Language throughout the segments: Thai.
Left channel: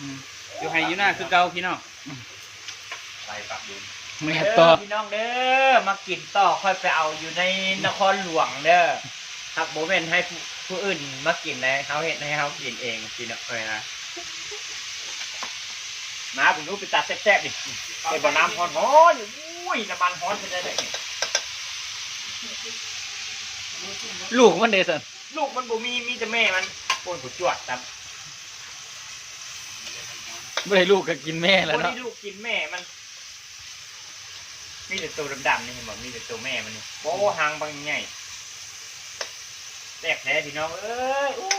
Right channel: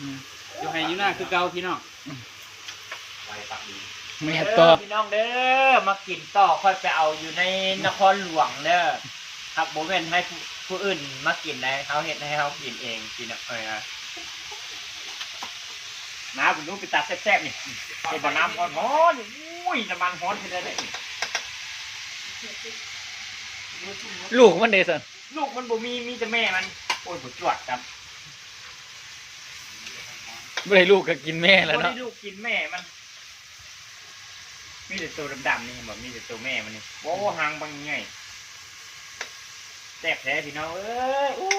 อืมอยู่ให้อยู่หน้าคือเก่าพี่น้องไปปักดูแม่เด้ต่ออพี่น้องเด้อมากินต่อค่อยไปเอาอยู่ในนครหลวงเด้อครับโมเมนให้ผู้ผู้อื่นมากินนะเขาเห็นให้เขากินเองสินะเออน้ำผมรู้ไปตัดแซ่บๆนี่ไอ้บ่อน้ำร้อนๆอุ้ยน้ำมันร้อนเป็นอะไรนี่ลูกมันเดซันลูกมันบ่มีมีแต่แม่มันโอนผจวดครับ ไม่ได้ลูกก็กินแม่แล้วเนาะที่ลูกกินแม่มัน มีแต่ตัวดำๆนี่บอกมีแต่ตัวแม่มันนี่โอ้หางบางใหญ่แตกแท้พี่น้องเอ้ยอู้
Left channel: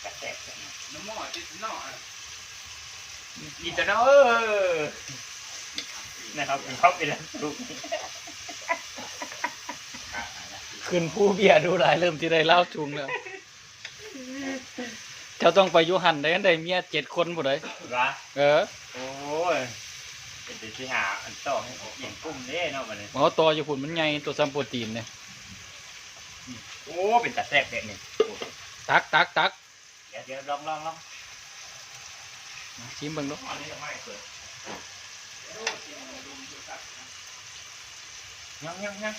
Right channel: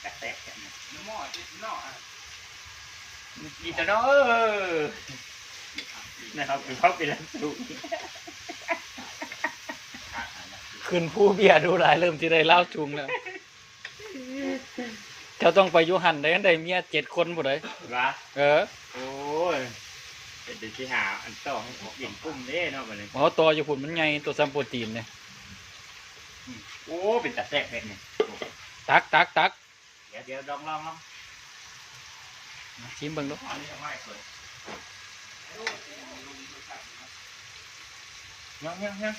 แตกแตกแตกน้ำหม้อจิตนอกอะอีตัวน้องเออนะครับเขากินแล้วถูกขึ้นผู้เบียร์ดูหลายเริ่มที่ได้เล่าชุงแล้ว เจ้าต้องไปอยุหันได้กันได้เมียเจ็ดคนบ่ได้วะเออโอ้ยเป็นเดี๋ยวที่หาอันต่อให้หญิงกุ้มเด้เนาะมันเลยหมอตัวอยู่พุ่นมันใหญ่ตัวซัมโปรตีนเนี่ยโอ้เป็นตาแทกเนี่ยนี่ตักตักตักเดี๋ยวเดี๋ยวลองลองลองมาชิมเบิ่งดูอันนี้จะไม่เปิดยังยังยัง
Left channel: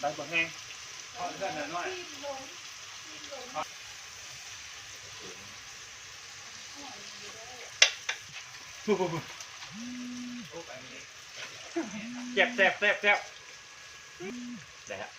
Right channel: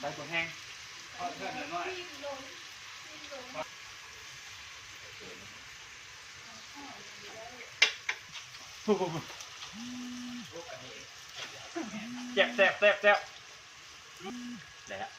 ใบบัวแห้ง เอเพื่อนหน่อยหน่อยเจ็บแซ่บแซ่บแซ่บได้ฮะ